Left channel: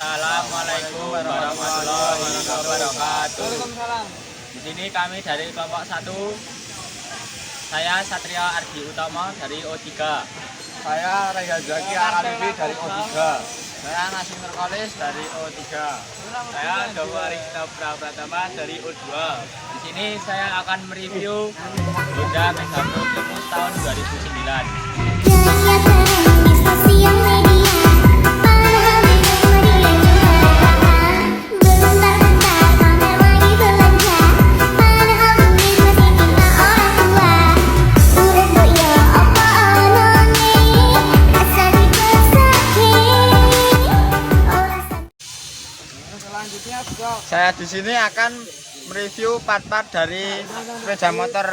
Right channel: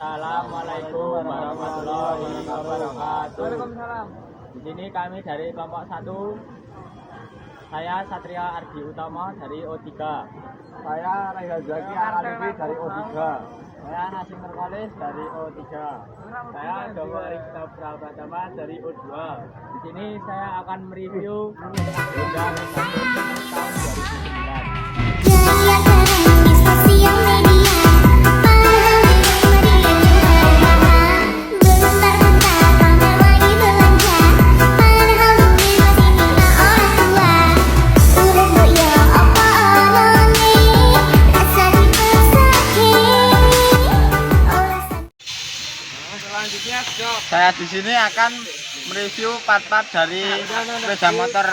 Assalamualaikum warahmatullahi wabarakatuh. Di sini kami dari kelompok 1. Saya Satrio Ardi Utomo dari O3. Saya Rehan Zaki Aralifi dari O3. Saya Nasim Nurkolis dari O3. Saya Dawari Pratama dari O2. Di sini saya akan mereview Honda Megaboot tahun 2009. Gaya keren di sosial media, padahal di rumah dia cuma bentar-bentar pamer lagi belanja, padahal duit masih minta orang tua. Udah boyo apa onone, rasa dipesake, olasan. Selanjutnya Saya di sini akan mereview part-part dari sepeda motor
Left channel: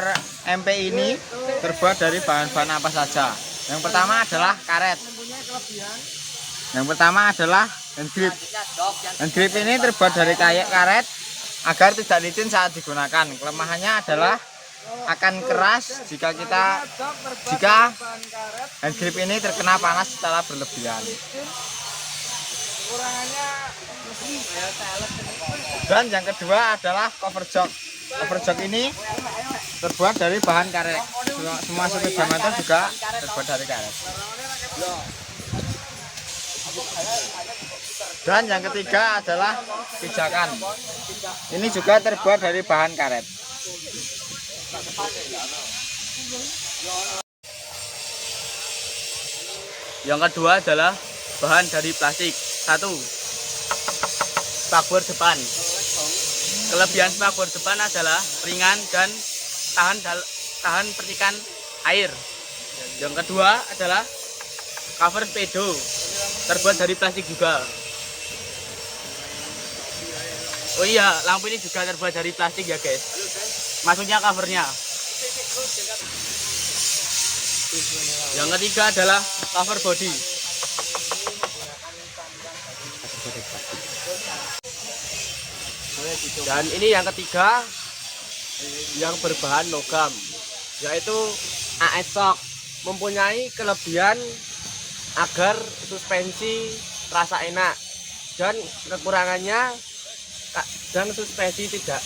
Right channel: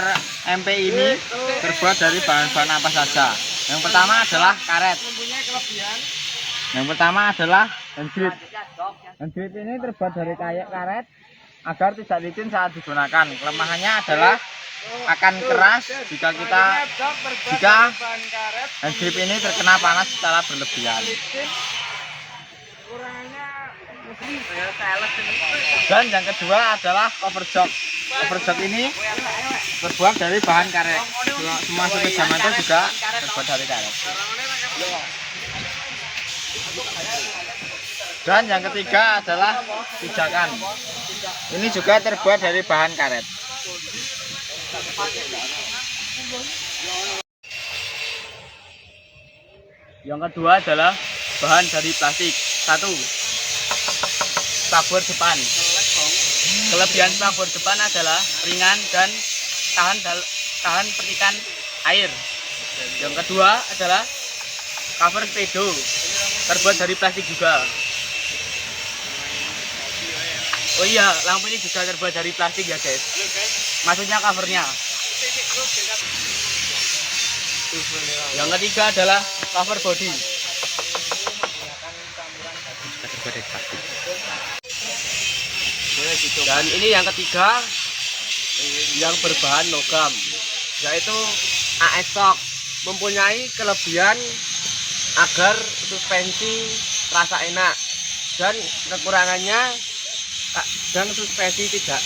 MP ini terbuat dari bahan-bahan apa saja. Yang pertama adalah karet. Yang pertama adalah hand grip. Hand grip ini terbuat dari karet agar tidak licin saat digunakan. Kelemahannya adalah akan keras jika hand grip ini terkena panas secara berlebihan. Dan yang kedua adalah cover jok. Cover jok ini terbuat dari bahan karet. Semua sepeda motor juga terbuat dari karet. Dan yang ketiga adalah pijakan. Ini juga terbuat dari bahan karet. Yang kedua adalah bahan dari plastik. 1. Spakbor depan. Kelebihan spakbor depan adalah ringan dan tahan percikan air. Yang kedua adalah cover pedo, terbuat dari plastik juga. Oh iya, lampu ini juga terbuat dari plastik ya guys. Maksudnya covernya. Yang ketiga adalah cover body. Terbuat dari plastik. Dan ini yang ketiga yang berbahan logam, yaitu AS Shock. Mempunyai kelebihan agar suspensi terasa enak, dan kekurangannya dan suspensi tidak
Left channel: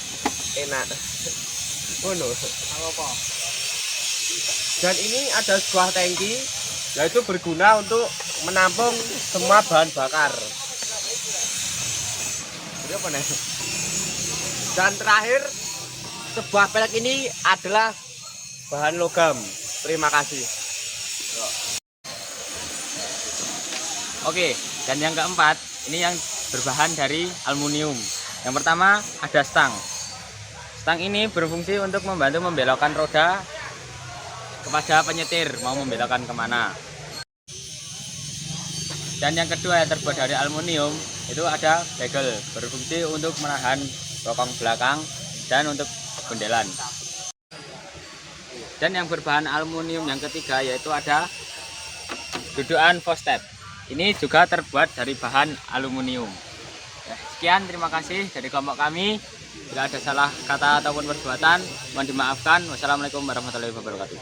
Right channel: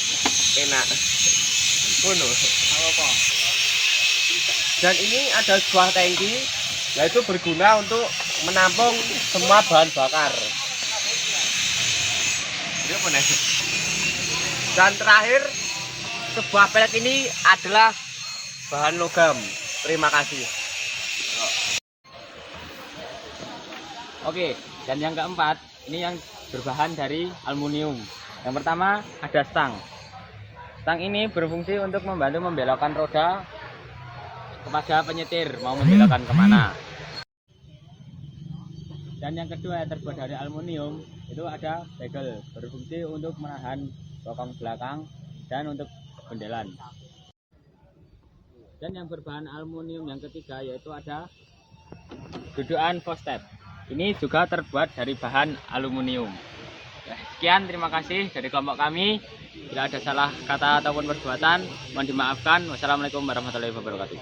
enak. Dan ini ada sebuah tangki, yaitu berguna untuk menampung semua bahan bakar. Dan terakhir, sebuah pelek ini adalah bahan logam. Terima kasih. Oke, dan yang keempat, ini yang berbahan dari aluminium. Yang pertama ada stang. Stang ini berfungsi untuk membantu membelokkan roda kepada penyetir mau membelokkan kemana. Dan yang kedua yang terbuat dari aluminium itu ada bagel, berfungsi untuk menahan bokong belakang dan untuk bendelan. Dan yang berbahan aluminium yang ketiga yaitu ada dudukan footstep. Ini juga terbuat dari bahan aluminium. Sekian, terima kasih dari kelompok kami. Bila ada salah kata ataupun perbuatan, mohon dimaafkan. Wassalamualaikum warahmatullahi wabarakatuh.